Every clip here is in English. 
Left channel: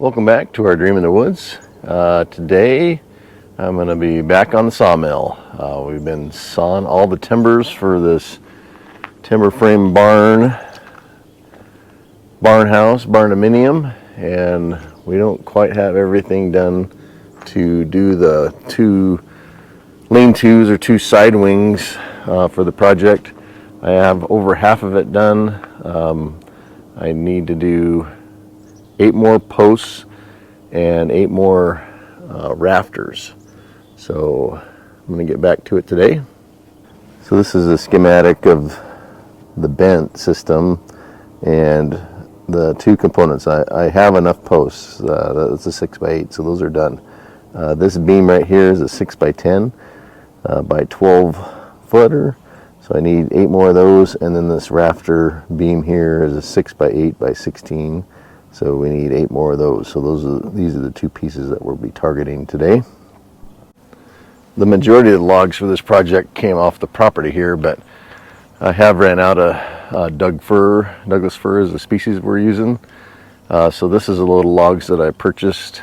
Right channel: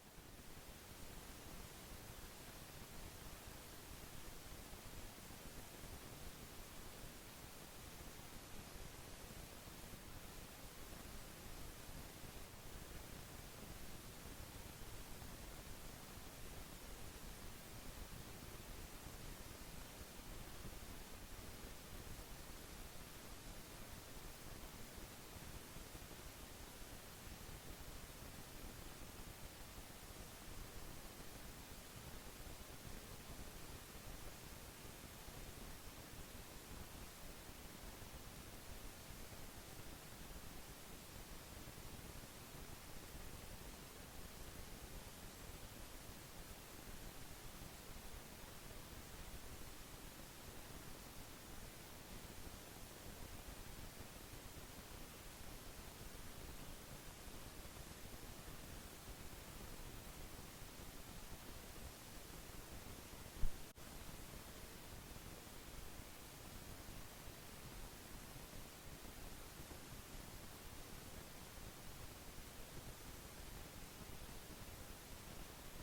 Welcome back to our Dream in the Woods. Today I'm going to be back on the sawmill. We've been sawing all the timbers for this timber frame barnhouse, barndominium, and we don't quite have everything done to do the two lean-tos or two side wings for the project. I have over half of it done. I need to do 8 more posts and 8 more rafters. So I'm going to get back to it today. So this is a schematic of the bent system and the two components. I have enough posts. That's a 6x8, so those are done. This beam right here is a 6x10 by 12 footer. So I need 8 more of those, and then this rafter beam here is a 6x8 by 16. So we need 8 more of those. So these are the two pieces that we'll be targeting today. The majority of the logs for this project came off the property here, but I have ran out of Douglas fir is the species we're using. So this is a little logs that I purchased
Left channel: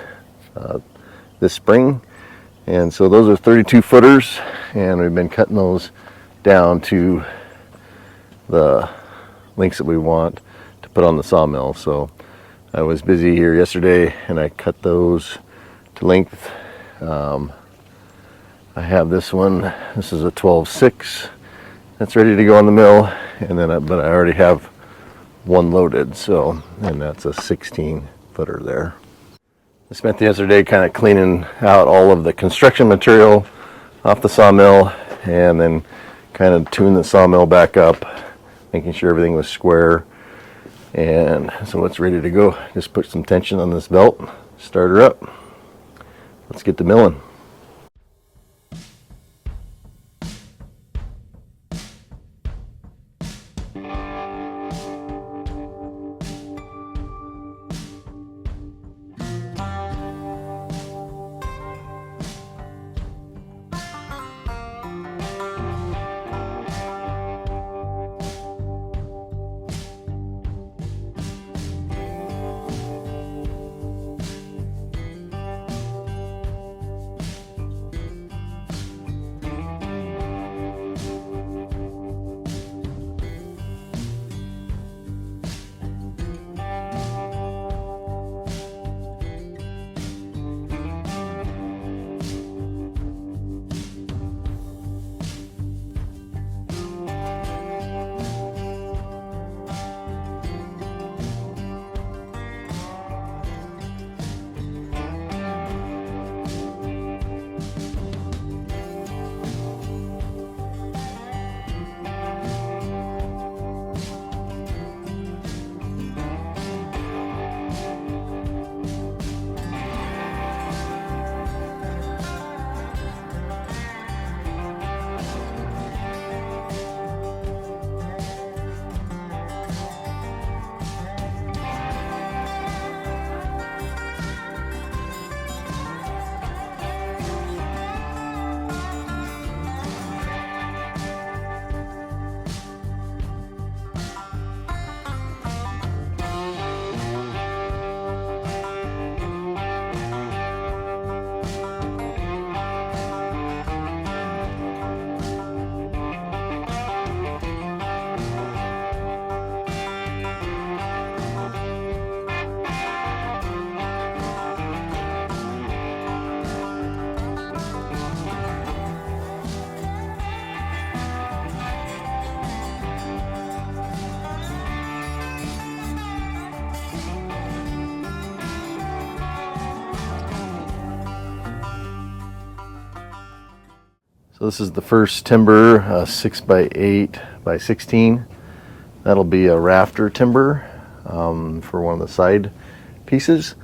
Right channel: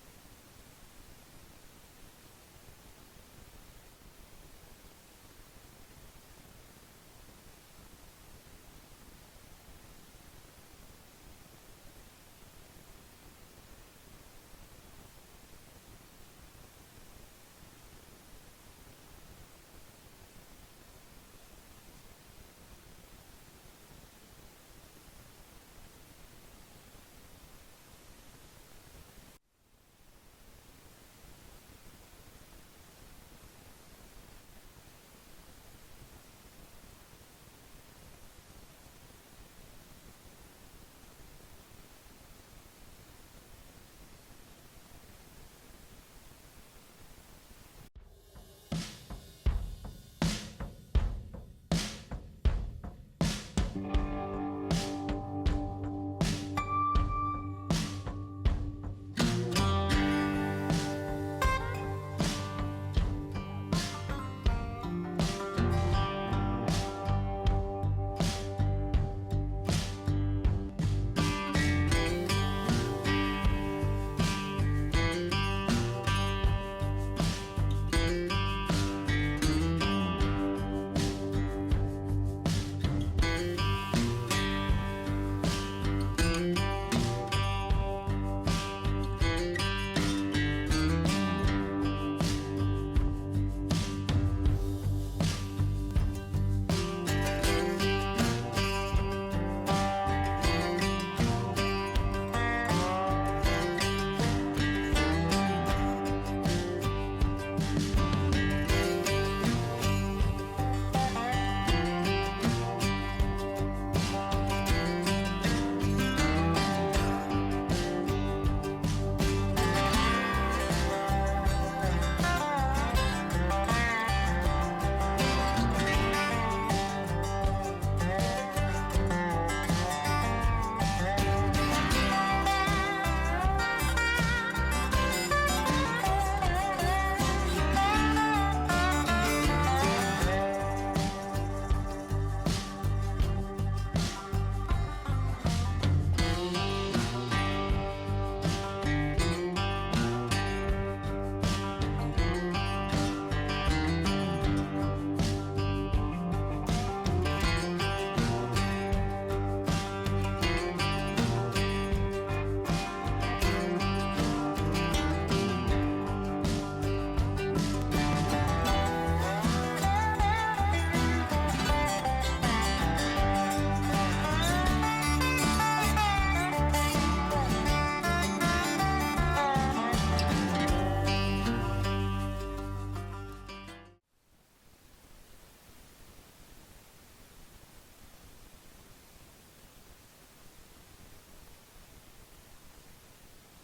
this spring. And so those are 32 footers, and we've been cutting those down to the lengths that we want to put on the sawmill. So I was busy here yesterday and I cut those to length. I have this one. This is a 12/6 that's ready to go on the mill, and then but I already have one loaded, so, and that's a 16 footer there. I spent the other day kind of cleaning out all of the construction material off the sawmill, and then kind of tune the sawmill back up, making sure everything was square. And so it's ready to go. Just put some tension on this belt, start her up. Let's get to milling. So this is the first timber, 6x8 by 16. That'll be a rafter timber for one of the side pieces.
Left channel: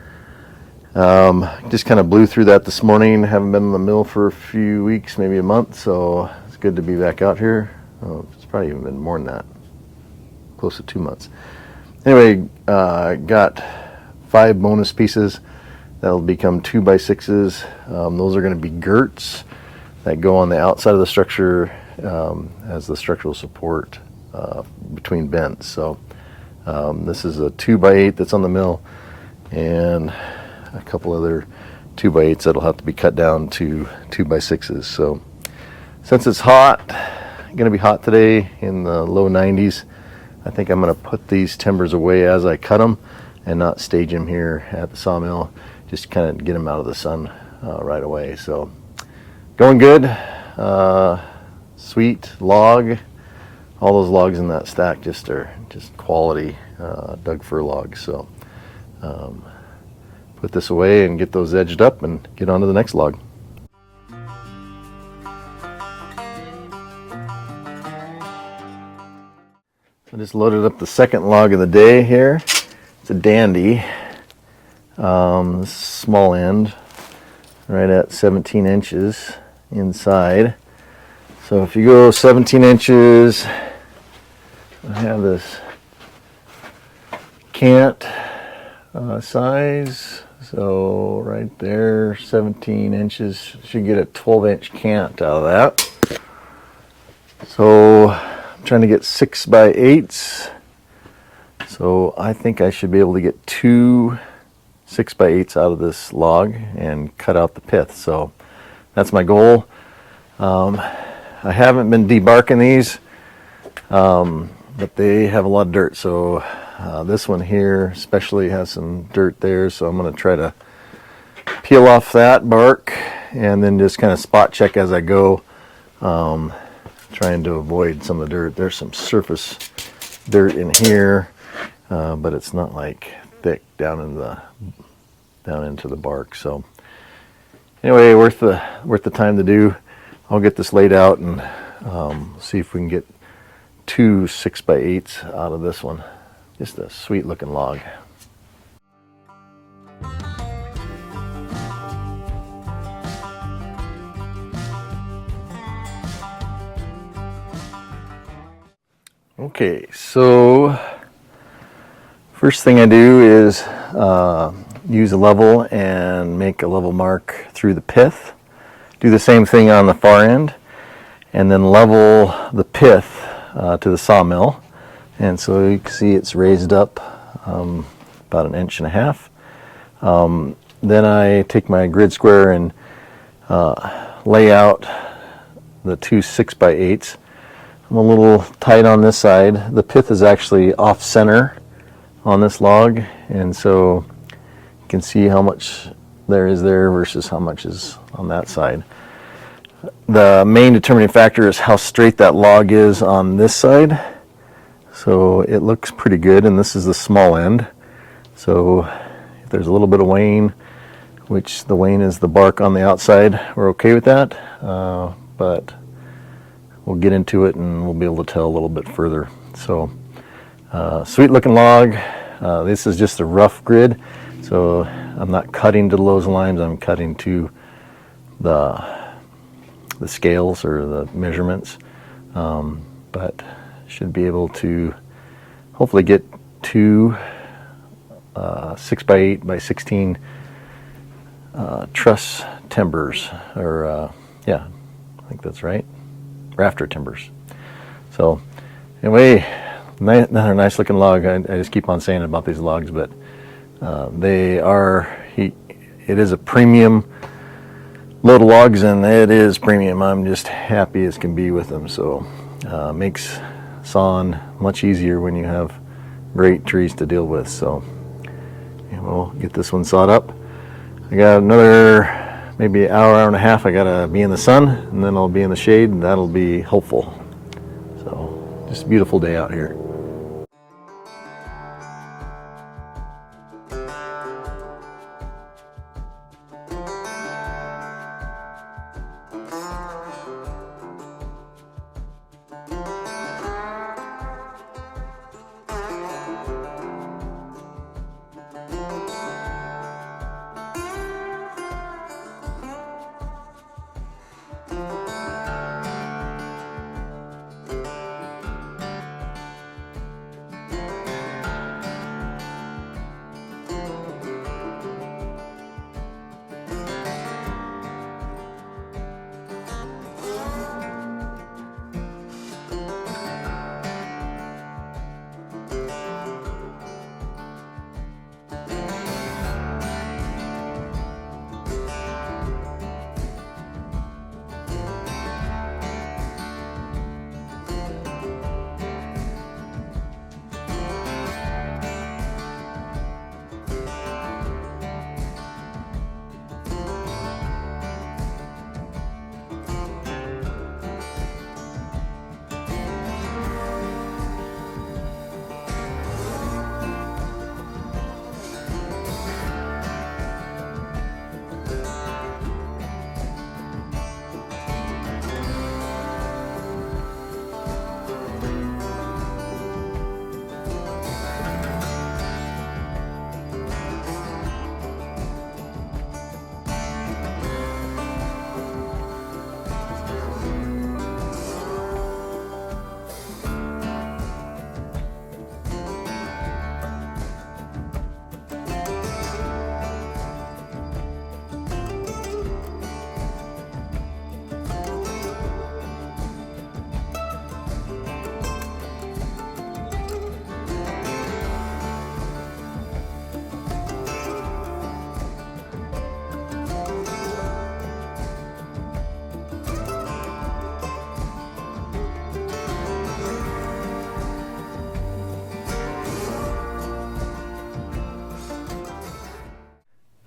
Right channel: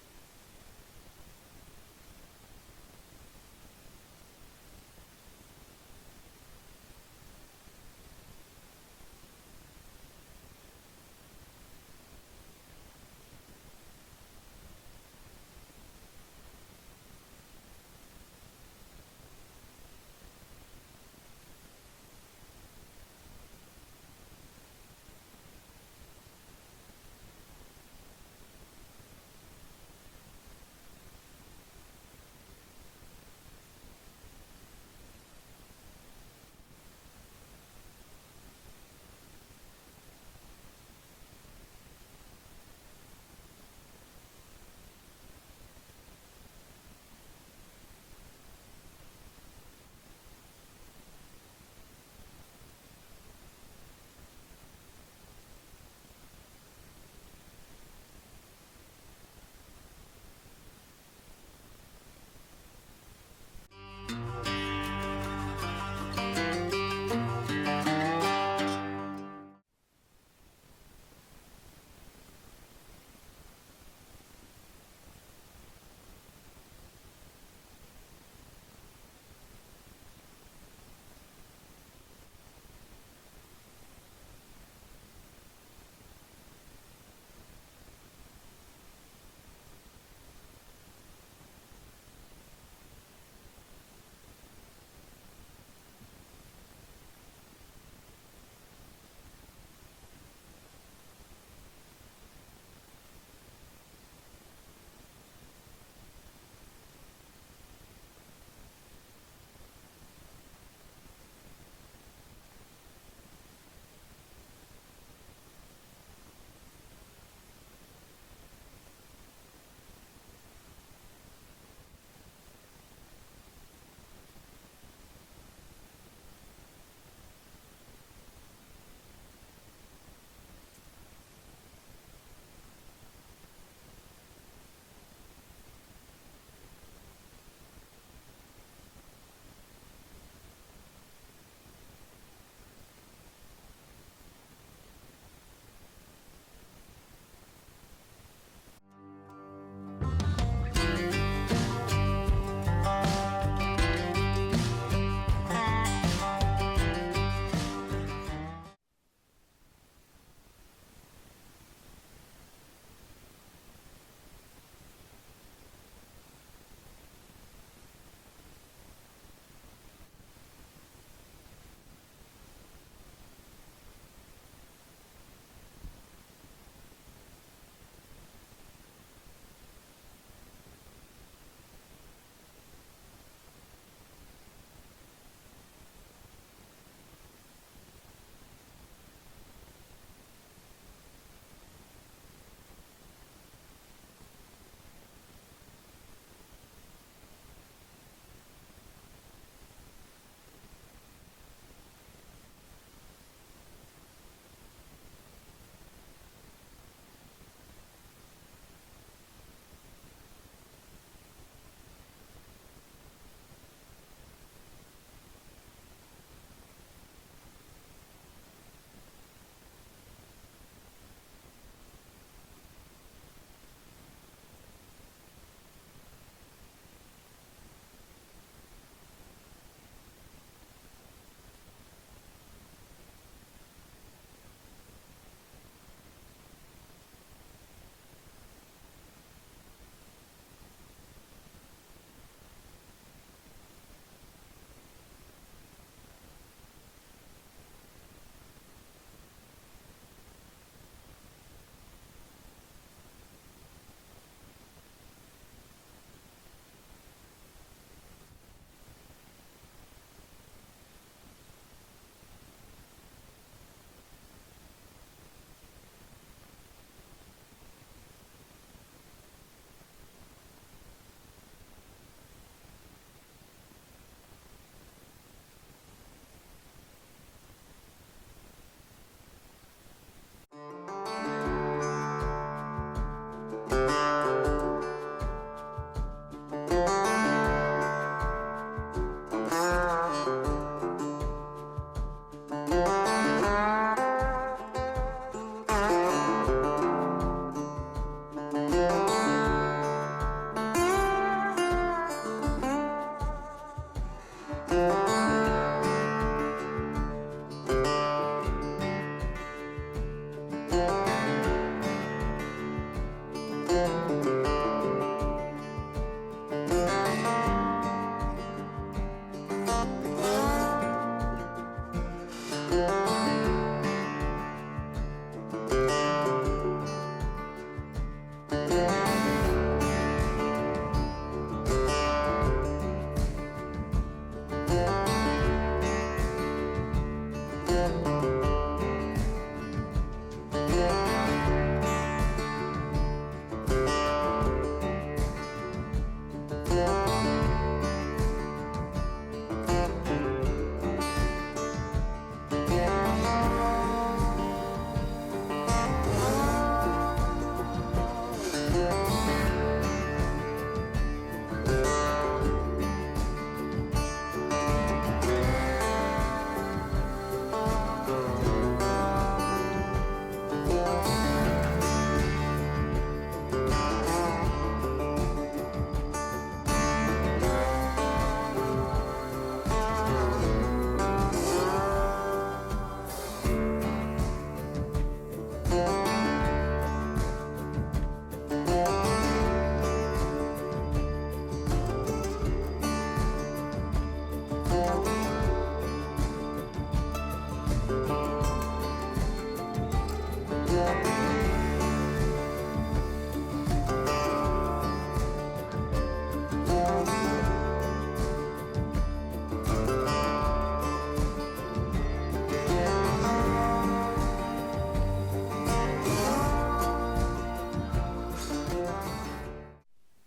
Just kind of blew through that this morning. Haven't been in the mill for a few weeks, maybe a month, so it's good to be back out here. Oh, it's probably even been more than that, close to 2 months. Anyway, got 5 bonus pieces that'll become 2x6s. Those are going to be girts that go on the outside of the structure as the structural support between bends. So this is a 2x8 that's on the mill, and a couple other 2x8s that'll have to be cut down to 2x6s. So since it's hot, going to be hot today in the low 90s, I think I'm going to put these timbers away as I cut them and not stage them here at the sawmill, just kind of get them out of the sun right away. So going good. Sweet log. All those logs in that stack just are just quality Doug fir logs. So put this away and get those edged up and get on to the next log. I just loaded up the second log of the day here. It's a dandy, small end, right at 17 inches inside. So if you go 17 inches, I have this cant size. So right there, 17 inches, should get a 12-inch cant out of that. So I'm trying to get 6x8s. So I think I should be able to get 2 6x8s out of this log and cut out the pith. So that's my goal. I haven't been debarking these, but they have a lot of dirt. So this one here especially has some dirt there. So I'm going to try to peel off that bark and then just kind of spot check as I go, trying to avoid some of the dirt. There's some surface dirt in here, but it's not like thick down into the bark. So anyway, worth the time to do. I'll get this laid out and see if we can get 2 6x8s out of this one. Just a sweet looking log. Okay, so first thing I do is use a level and make a level mark through the pith. Do the same thing on the far end and then level the pith to the sawmill. And so you can see it's raised up about 1.5 inches. Then I take my grid square and lay out the 2 6x8s. I'm a little tight on this side. The pith is actually off center on this log, and so you can see how much there is there versus how much is on that side. The main determining factor is how straight that log is on this side. So it looks pretty good, and this is the small end. So if there's a little bit of wane, which the wane is the bark on the outside, we're okay with that. But we'll get into it and we'll be able to tell a little bit further. So sweet looking log. This is just a rough grid, so I'm not cutting to those lines, I'm cutting to the scales or the measurements, but should be able to hopefully get 2 6x8 by 16 truss timbers, or yeah, I think that's right, rafter timbers. So anyway, another nice looking log. I just keep on saying about these logs, but it is a premium load of logs, and it is premium. I'm just happy as can be with them. So makes sawing much easier when you have great trees to deal with. So we'll get this one sawed up. I got another maybe hour and a half. I gotta be in the sun, and then I'll be in the shade, and that'll be hopeful. So just a beautiful day out here.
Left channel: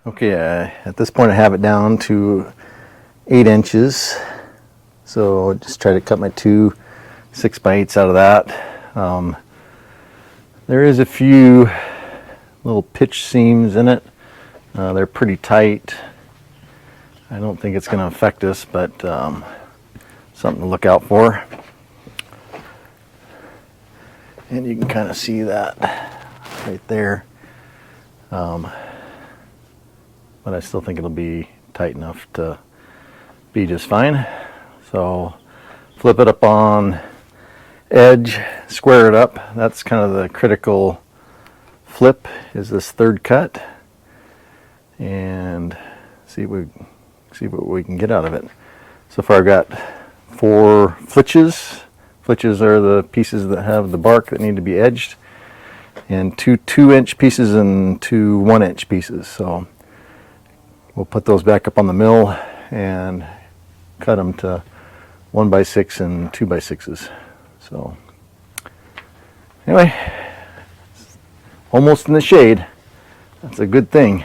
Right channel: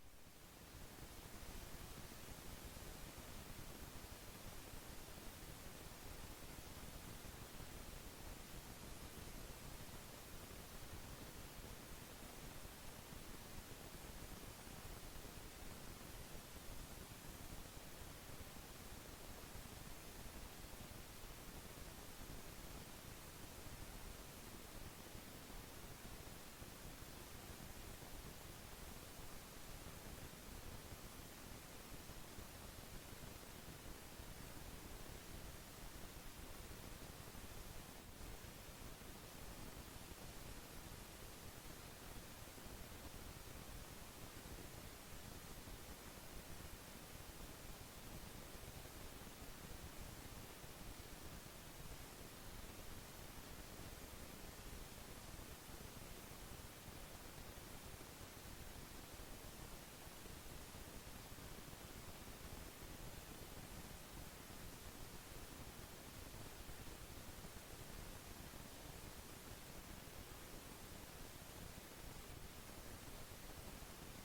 Okay, at this point I have it down to 8 inches. So just try to cut my two 6x8s out of that. There is a few little pitch seams in it. They're pretty tight. I don't think it's going to affect us, but something to look out for. And you can kind of see that right there. But I still think it'll be tight enough to be just fine. So flip it up on edge, square it up. That's kind of the critical flip, is this third cut, and see what we can get out of it. So far I've got 4 flitches. Flitches are the pieces that have the bark that need to be edged, and 2 2-inch pieces and 2 1-inch pieces. So we'll put those back up on the mill and cut them to 1x6 and 2x6s. So anyway, almost in the shade. That's a good thing.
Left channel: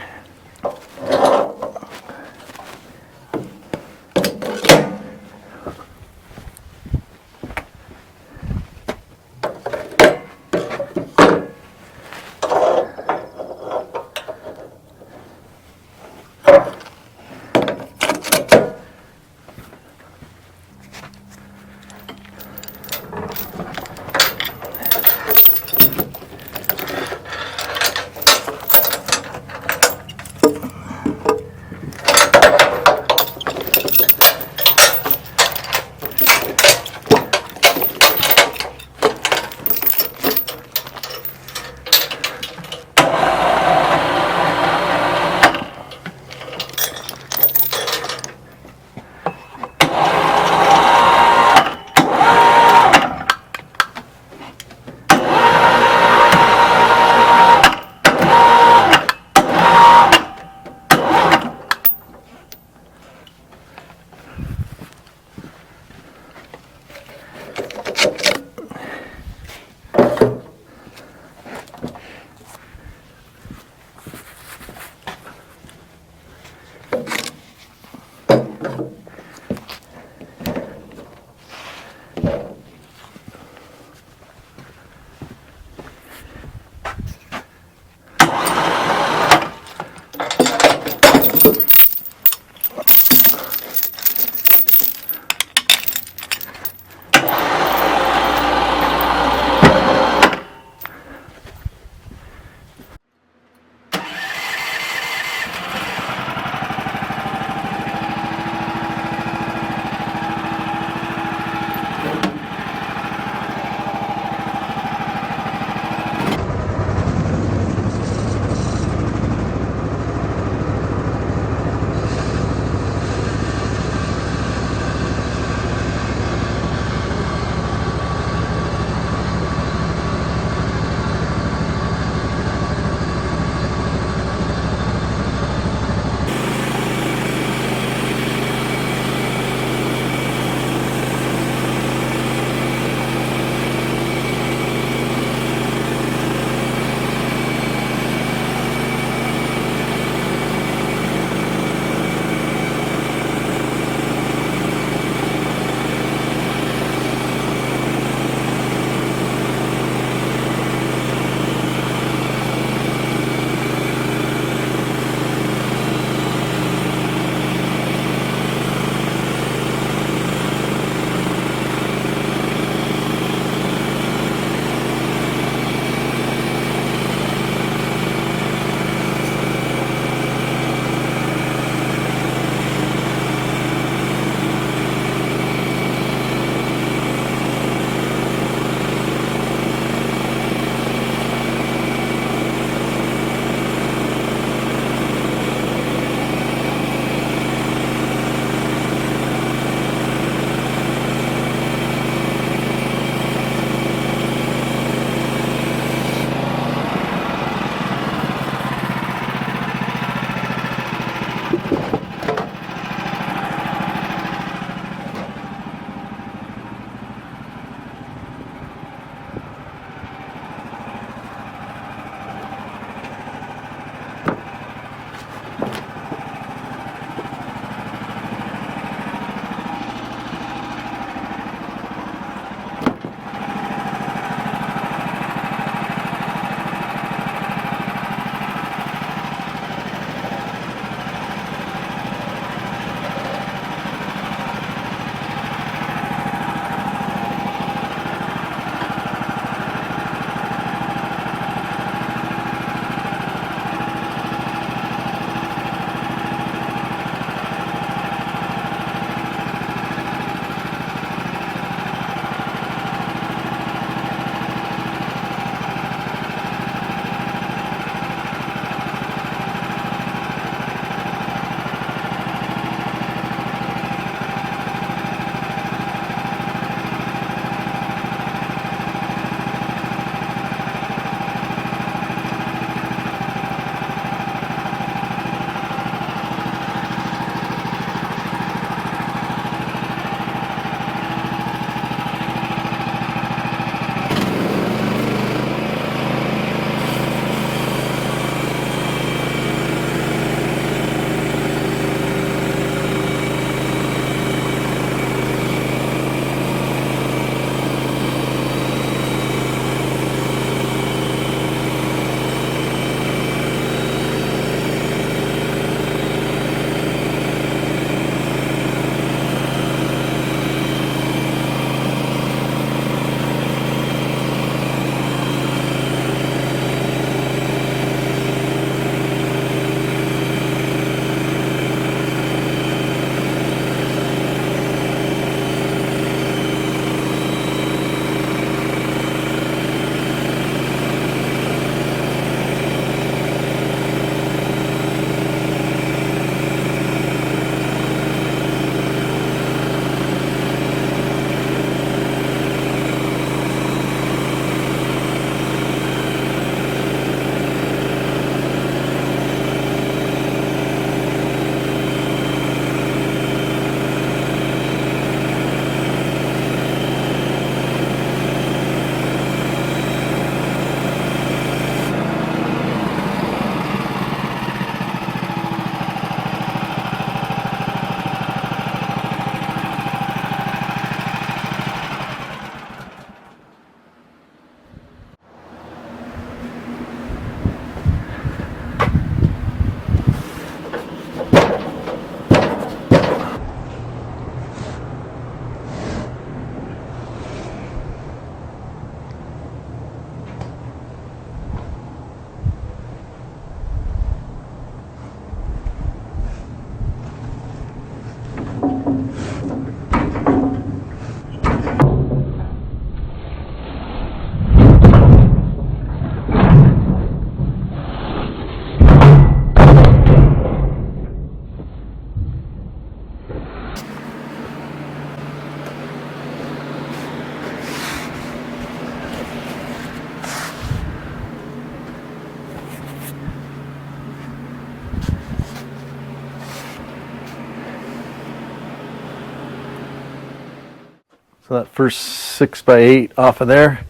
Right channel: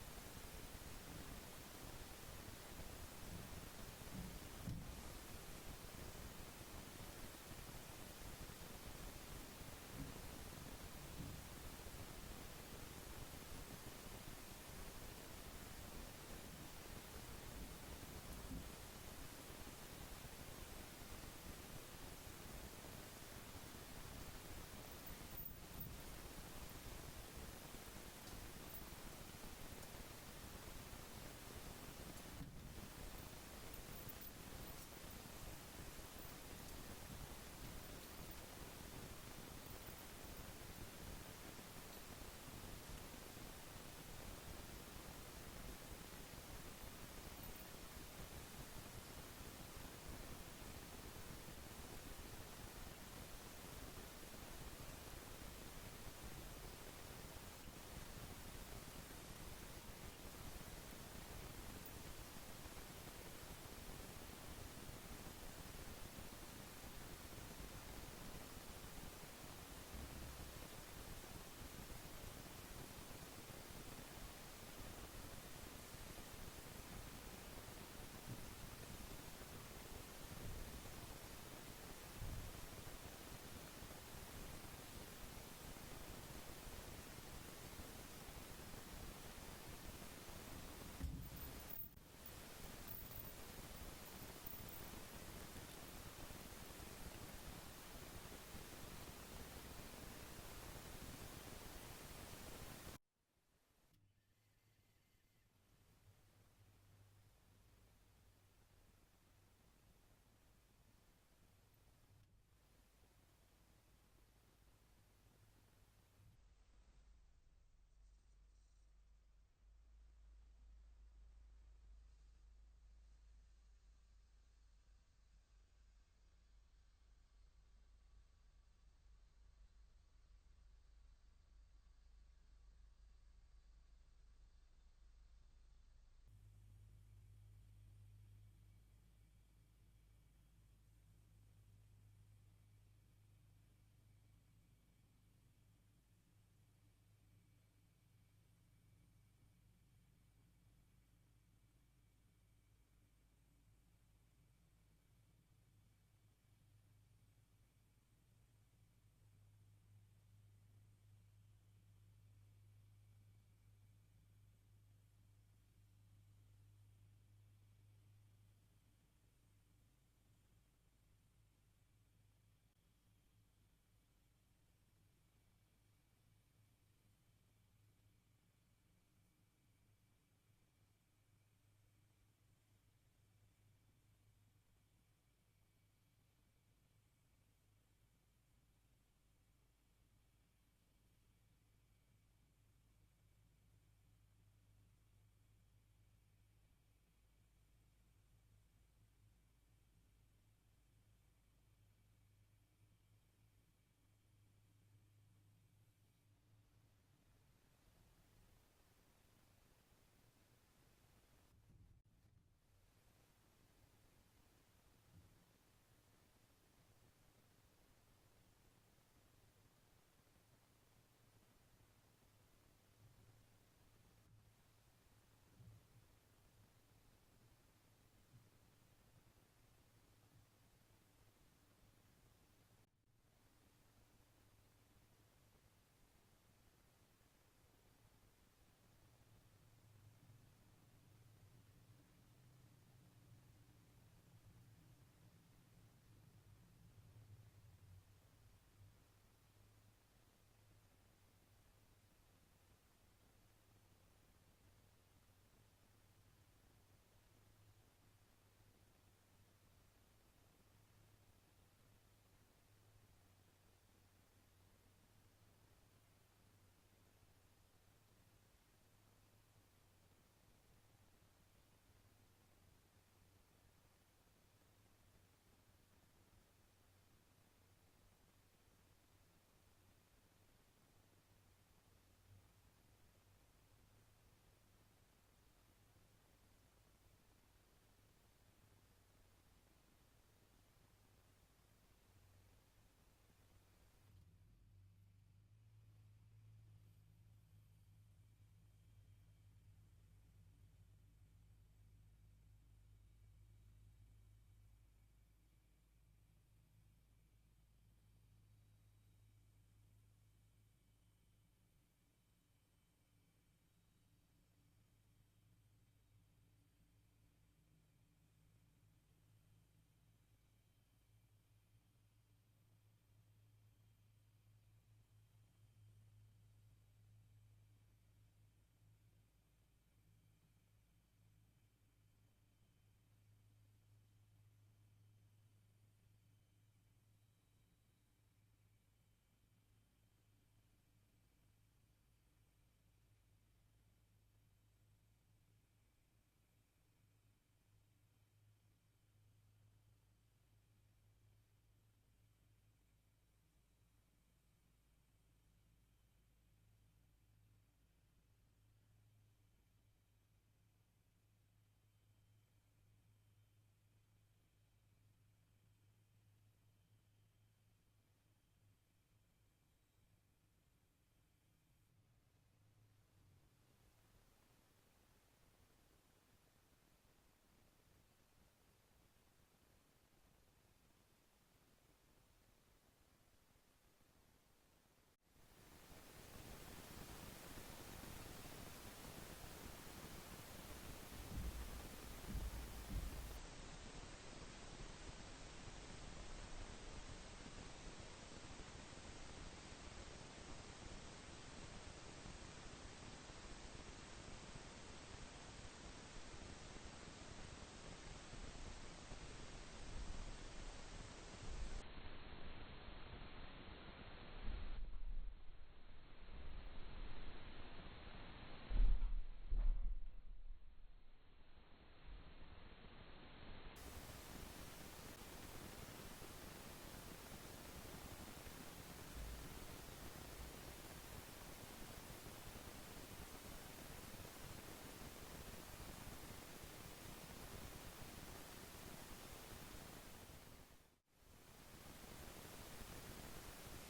So that first 6x8 off of there.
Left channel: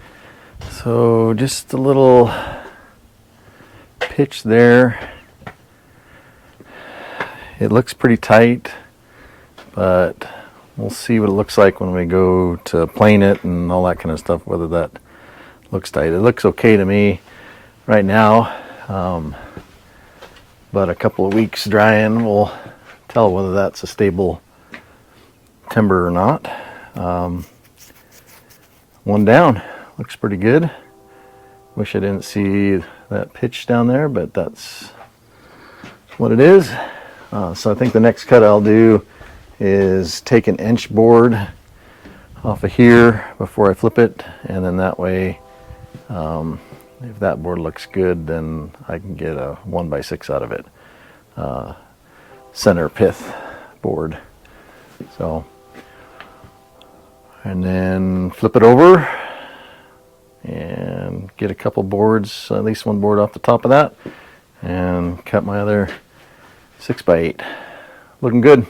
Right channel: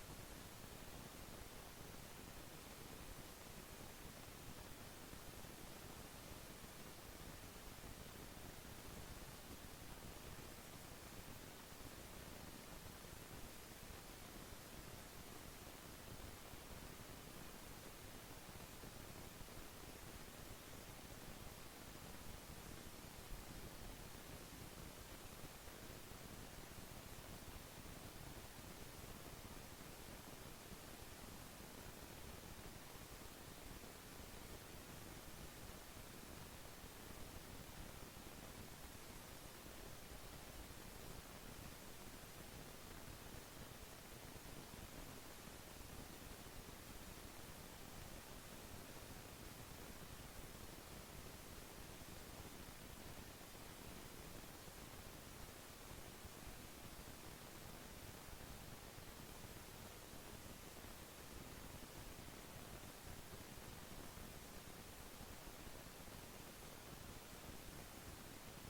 So just a little pitch there. It looks pretty tight, but we'll see what it looks like when we go to plane it and all that kind of stuff, whether that looks tight. It looks okay to me right now, but a couple of weeks drying will tell whether that's a stable timber or not. One down, looks pretty good. Wish I didn't see that pitch down there, but that's what it is. So I think the next cut I'll do is take an inch board off of here before I flip it, and then that way, if that board looks good, then I can get a 1x6 out of it. Center pith board. So, and then flip it over and get a couple boards, at least one board off the top of that, and cut my other 6x8. Looking good.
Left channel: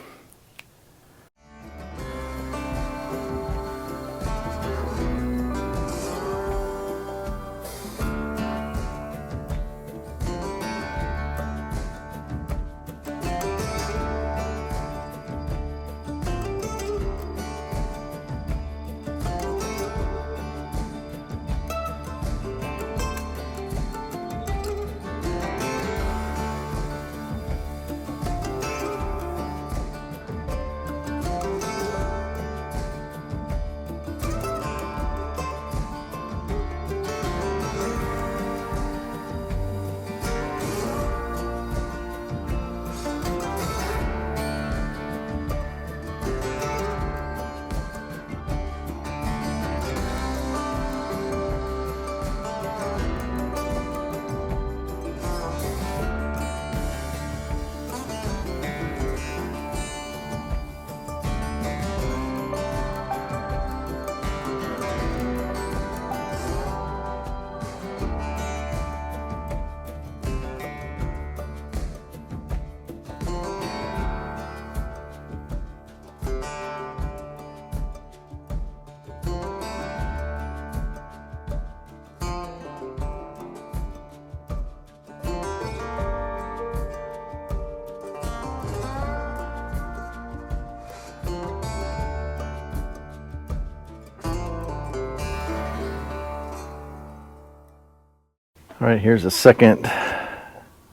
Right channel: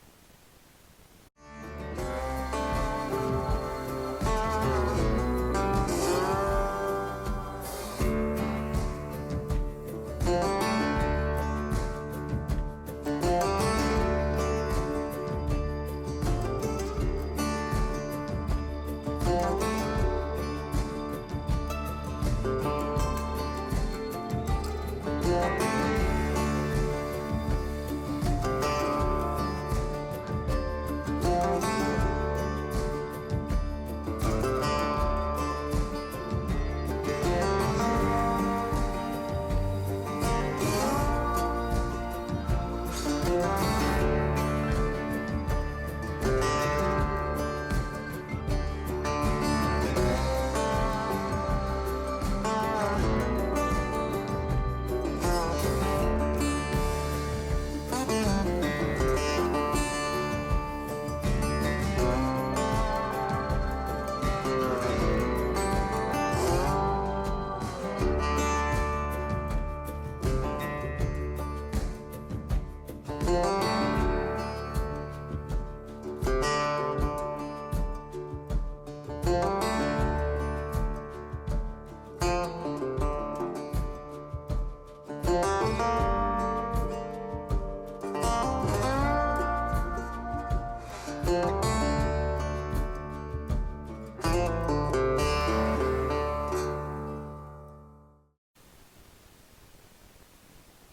All right, here's a second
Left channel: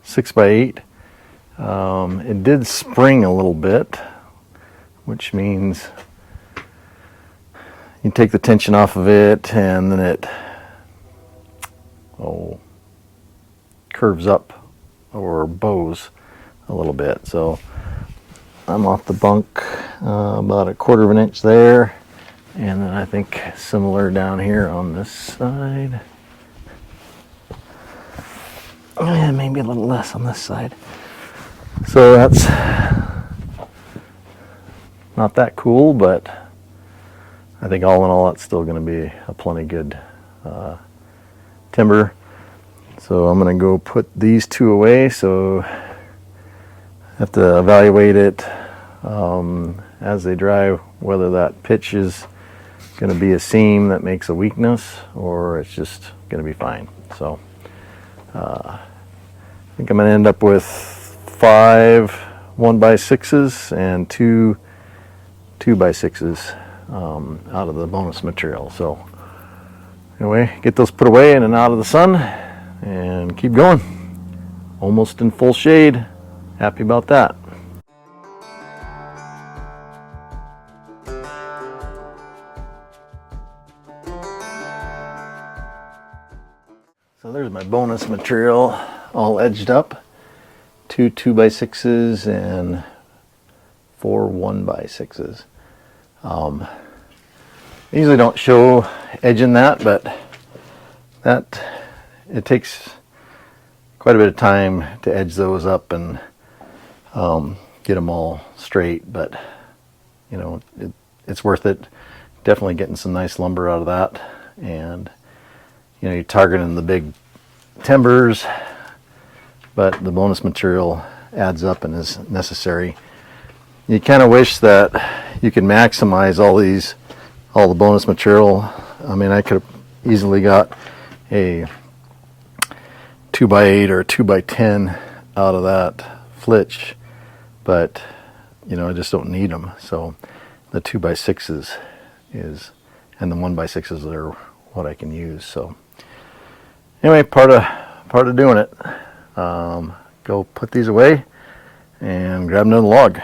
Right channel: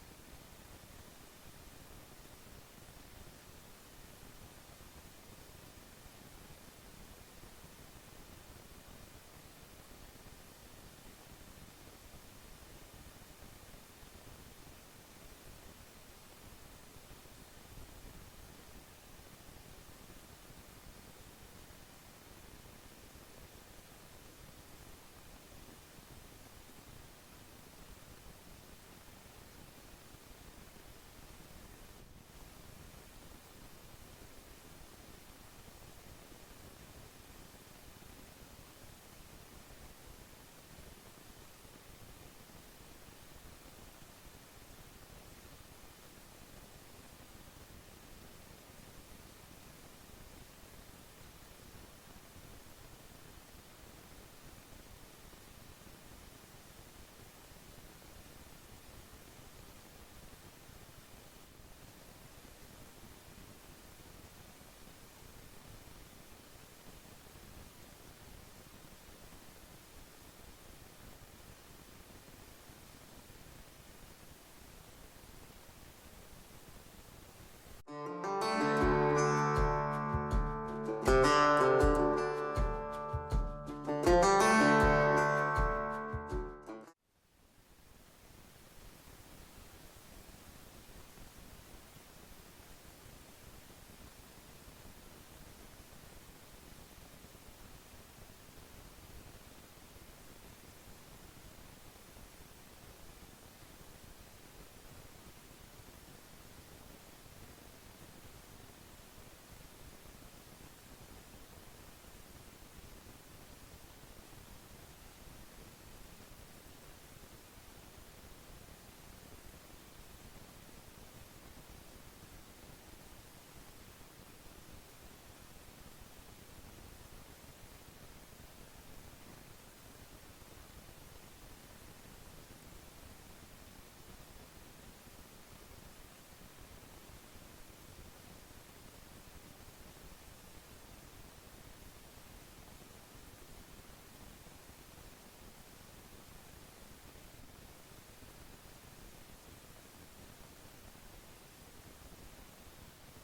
6x8. It did spring a little bit, which means you take the tension off of it and then it curves up or bows a little bit. So I'm off the bunk about a 1/4 of an inch there, and then I think similar down here on this side. And maybe a little less on this side. So that's not that cool, but I think all in all it's still going to be a plenty good timber. So I'm going to go put these two away, so I have to evaluate it as they dry, whether that pitch is going to be a seam that makes a weakness or it's just going to be fine. So I think I'm going to end up with 5 1x6s and 2 2x6s out of the bonus material. So anyway, get those put away in and out of the sun and keep going. Almost in full shade. Happy about that. So there's my bonus material all edged up. 2 2x6s and 4 1x6s. I usually don't show edging that, but it takes quite a bit of time to edge those up and get them all straight, but you know, it's worth it. Definitely getting some nice lumber out of that, and you know, you're targeting the big timbers, but the bonus material adds up and is necessary. You kind of wish that you could maximize all these all the bonus material. I mean, I could have easily got a 2x8 or 2x10 out of that flitch, but you know, I just don't need them. So the 2x6s and the 1x6s are what I can use. So anyway, part of doing it. Go put these away and grab another log.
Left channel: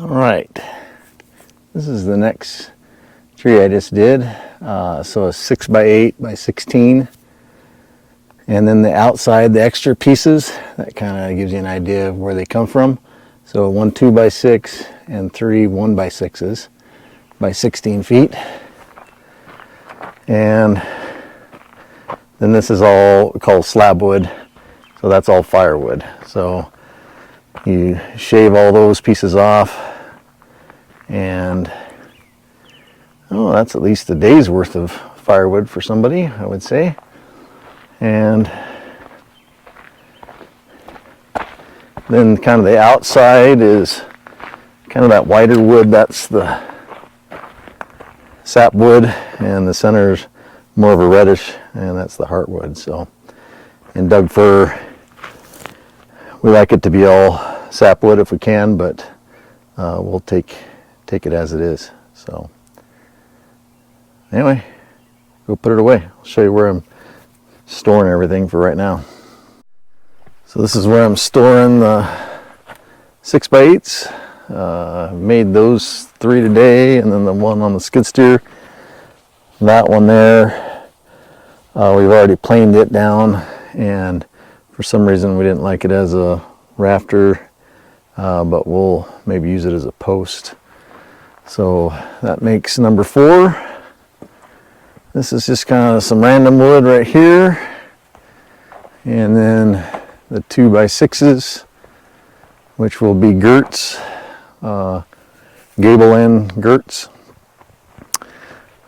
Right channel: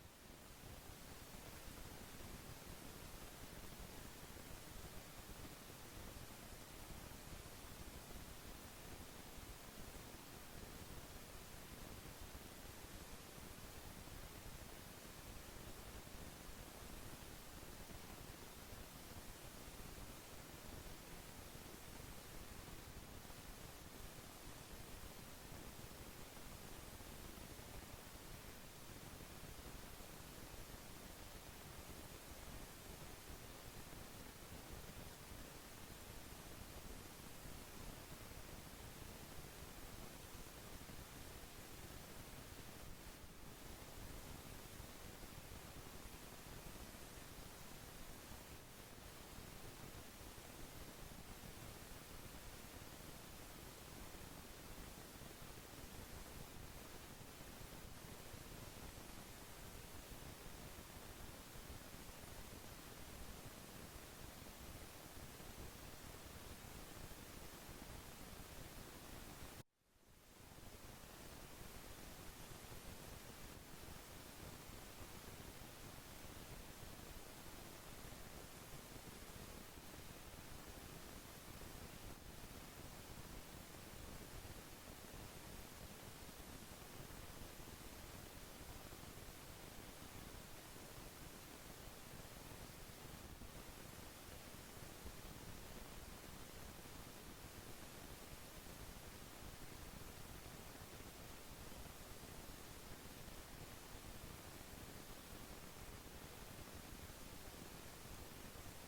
Alright, this is the next tree I just did. So a 6x8 by 16. And then the outside, the extra pieces, that kind of gives you an idea of where they come from. So one 2x6 and three 1x6s by 16 feet. And then this is all called slab wood. So that's all firewood. So you shave all those pieces off, and oh, that's at least a day's worth of firewood for somebody, I would say. And then kind of the outside is kind of that whiter wood, that's the sapwood, and the center is more of a reddish, and that's the heartwood. So in Doug fir, we like it to be all sapwood if we can, but we'll take it as it is. So anyway, go put it away. I'll show you where I'm storing everything for right now. So this is where I'm storing the 6x8s. I've made those 3 today, and then the one on the skid steer. That one there, we've already planed it down, and for some reason we didn't like it as a rafter, but we'll maybe use it as a post. So that makes number 4. This is just kind of some random wood right here, and then the 2x6s, which will be girts, gable end girts,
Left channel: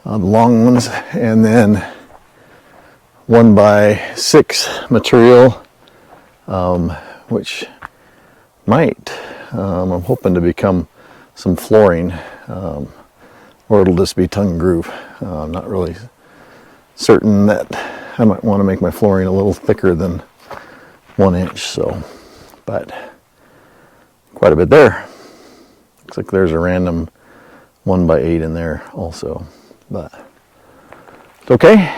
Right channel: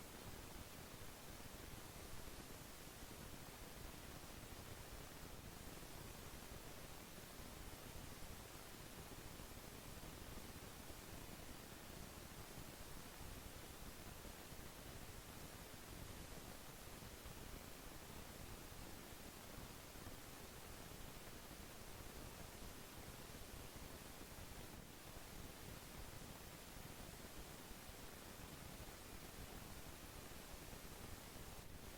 the long ones, and then 1x6 material, which might, I'm hoping to become some flooring. or it'll just be tongue and groove. I'm not really certain that I might want to make my flooring a little thicker than 1 inch, so, but quite a bit there. Looks like there's a random 1x8 in there also, but it's okay.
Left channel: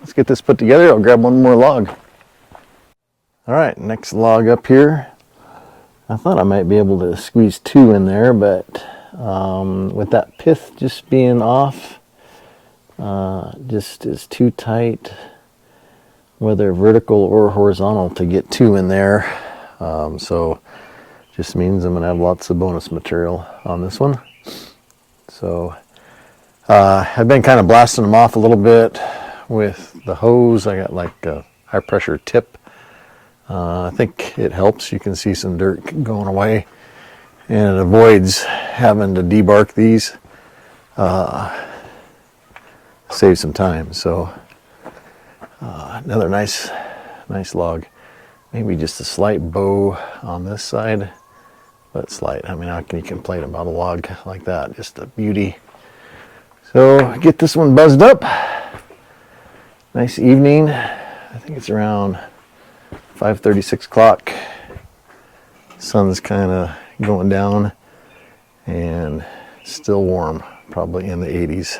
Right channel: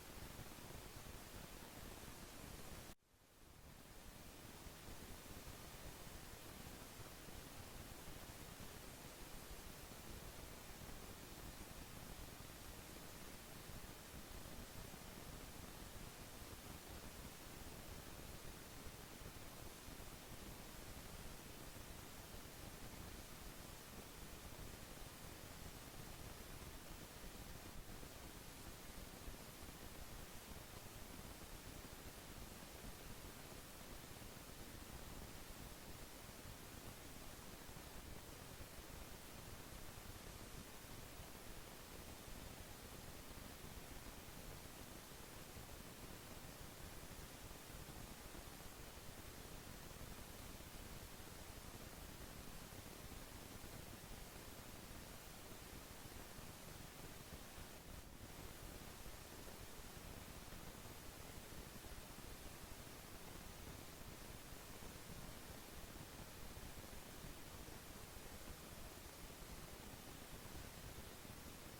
Let's get this put together. I'll grab one more log. All right, next log up here. I thought I might be able to squeeze 2 in there, but with that pith just being off, just is too tight, whether vertical or horizontal, to get 2 in there. So just means I'm gonna have lots of bonus material on this one. So I've been kind of blasting them off a little bit with the hose. I got like a high pressure tip. I think it helps. You can see some dirt going away, and it avoids having to debark these. Save some time. So another nice log. Maybe just a slight bow on this side, but slight. I mean, how can you complain about a log like that? Just a beauty. So get this one buzzed up. Nice evening. I think it's around 5:30, 6 o'clock. Sun's kind of going down and still warm, probably in the 80s.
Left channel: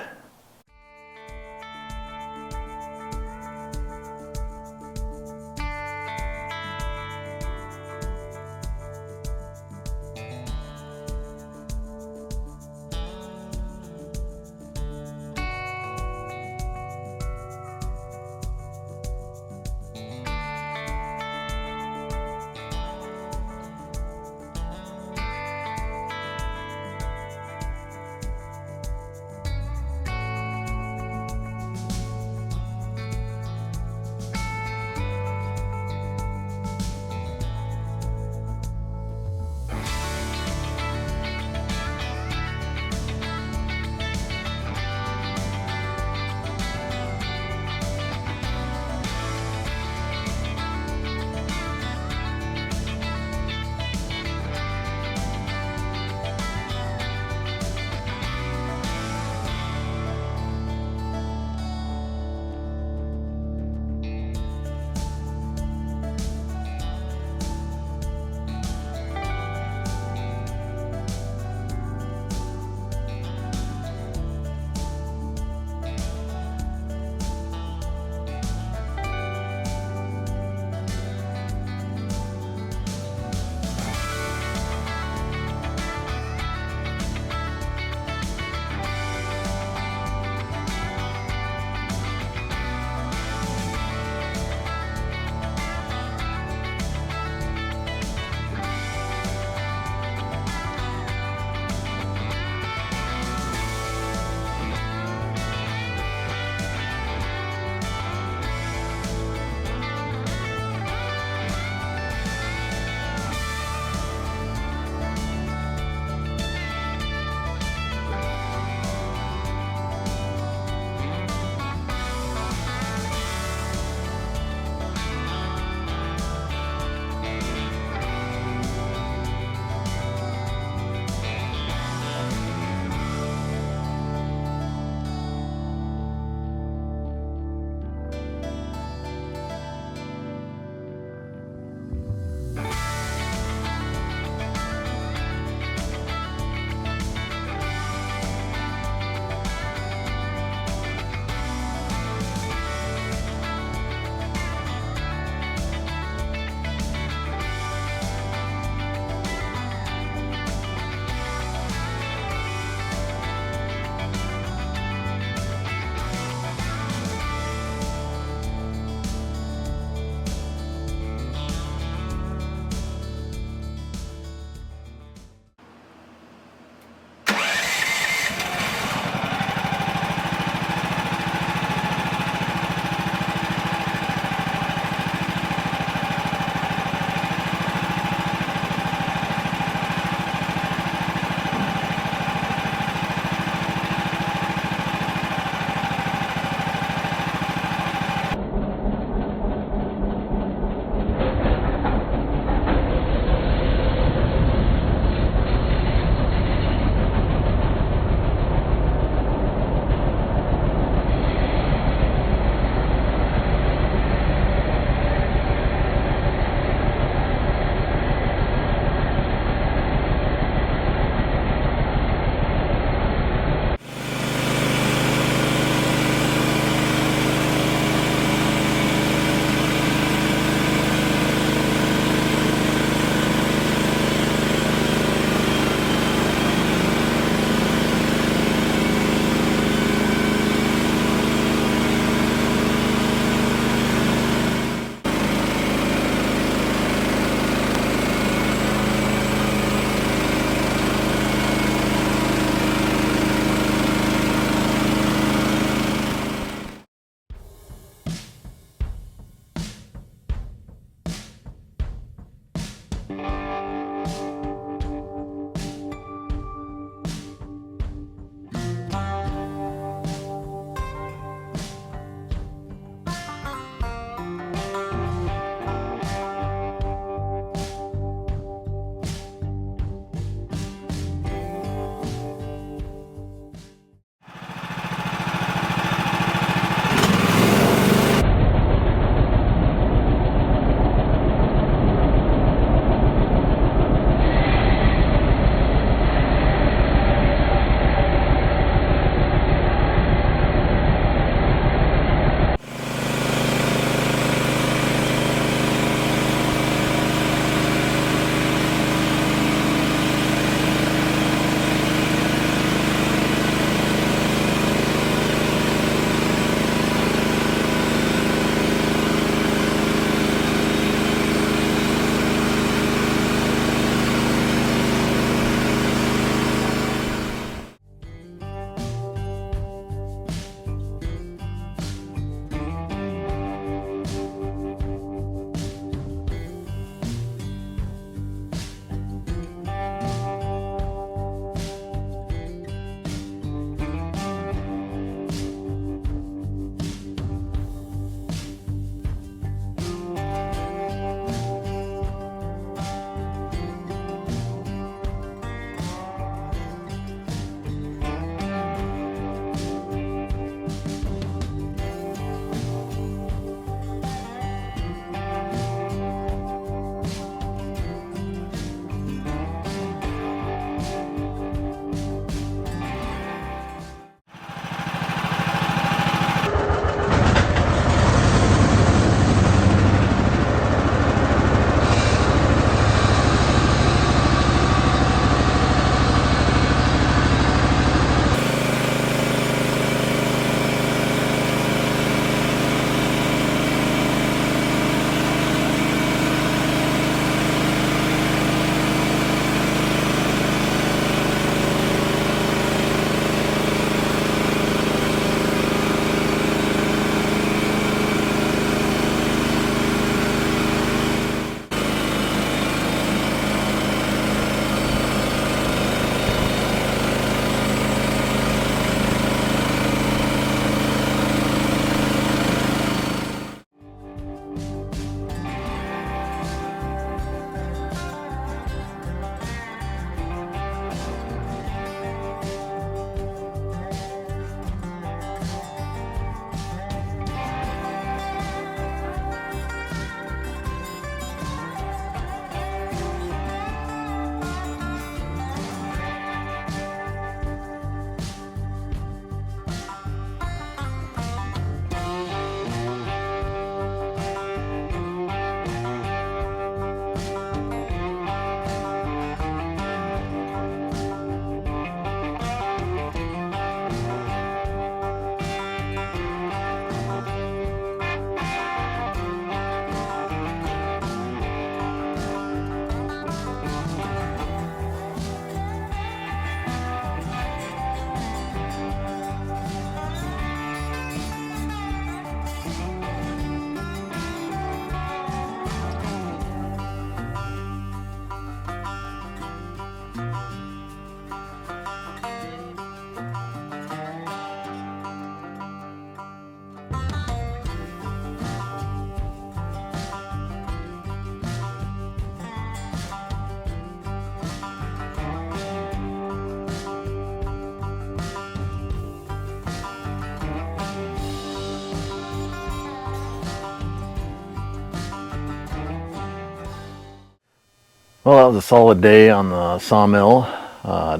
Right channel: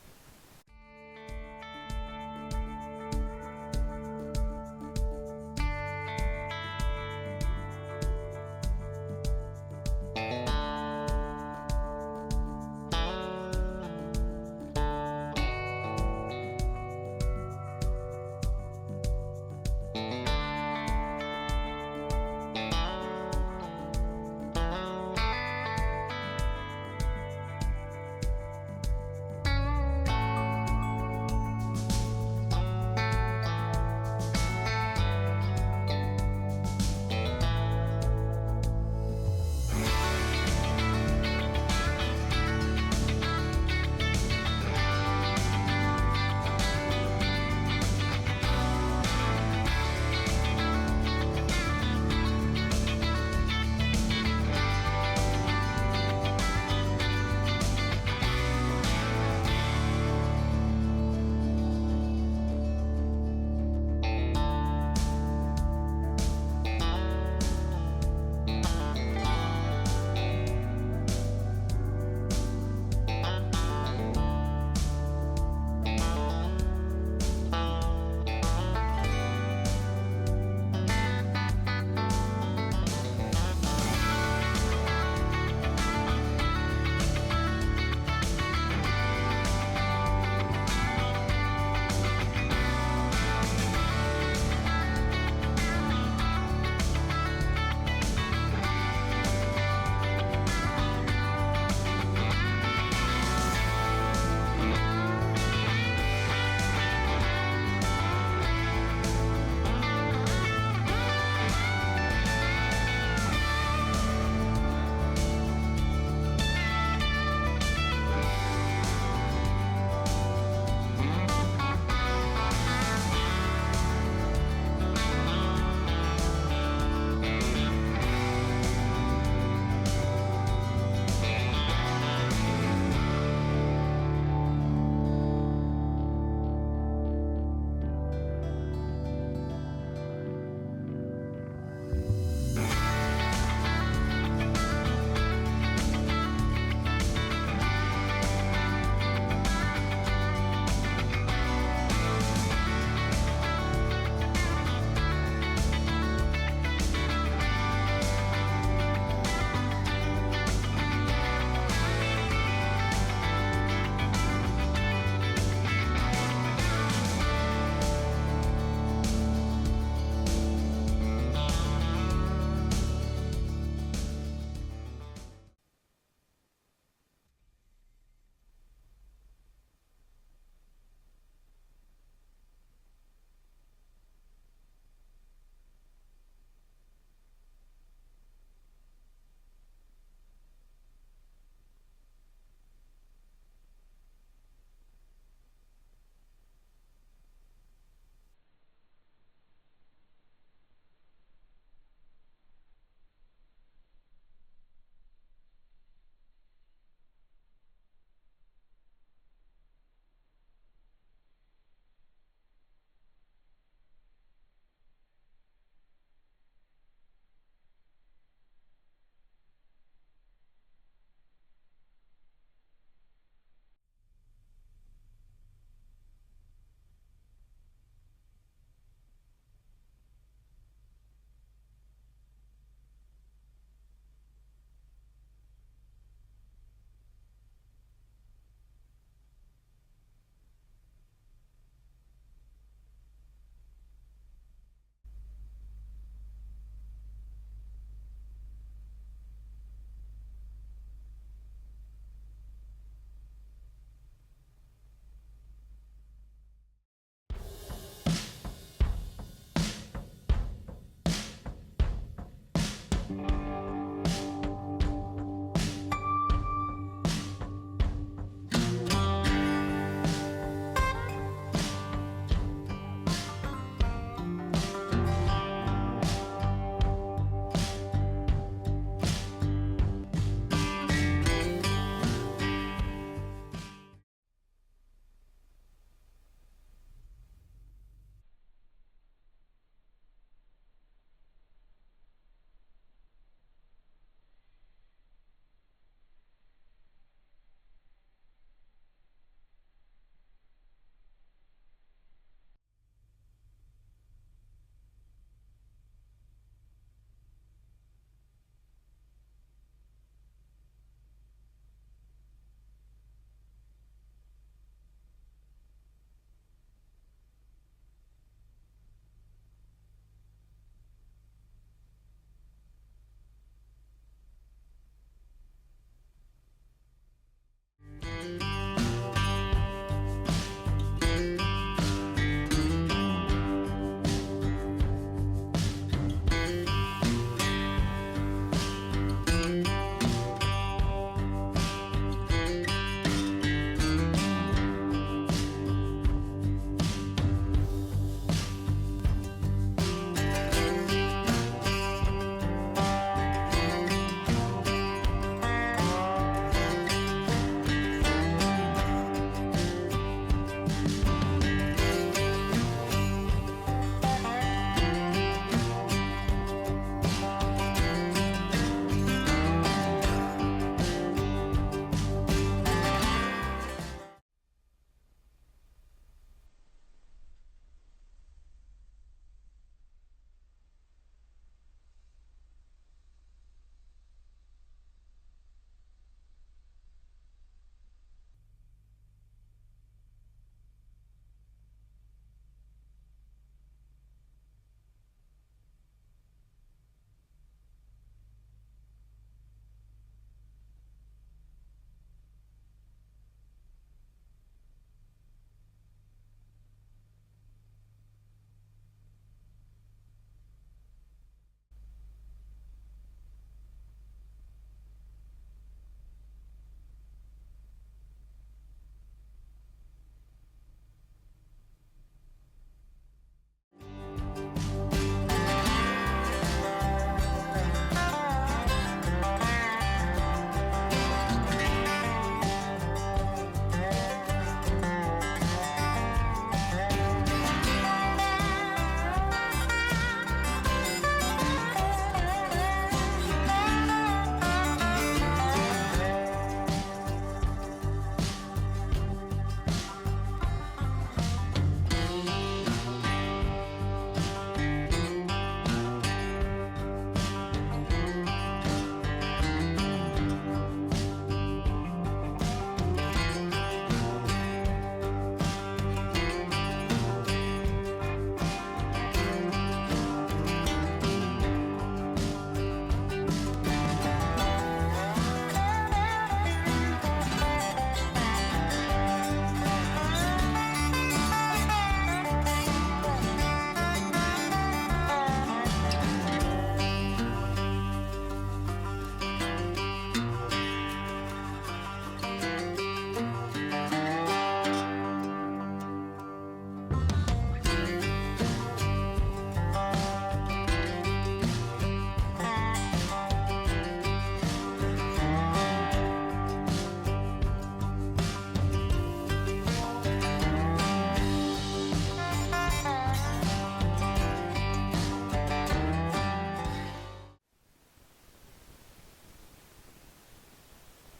Well, that was a solid day on the sawmill.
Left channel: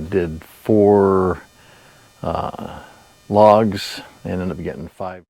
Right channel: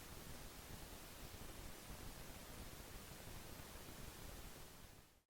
Did 4 logs and ended up getting 5.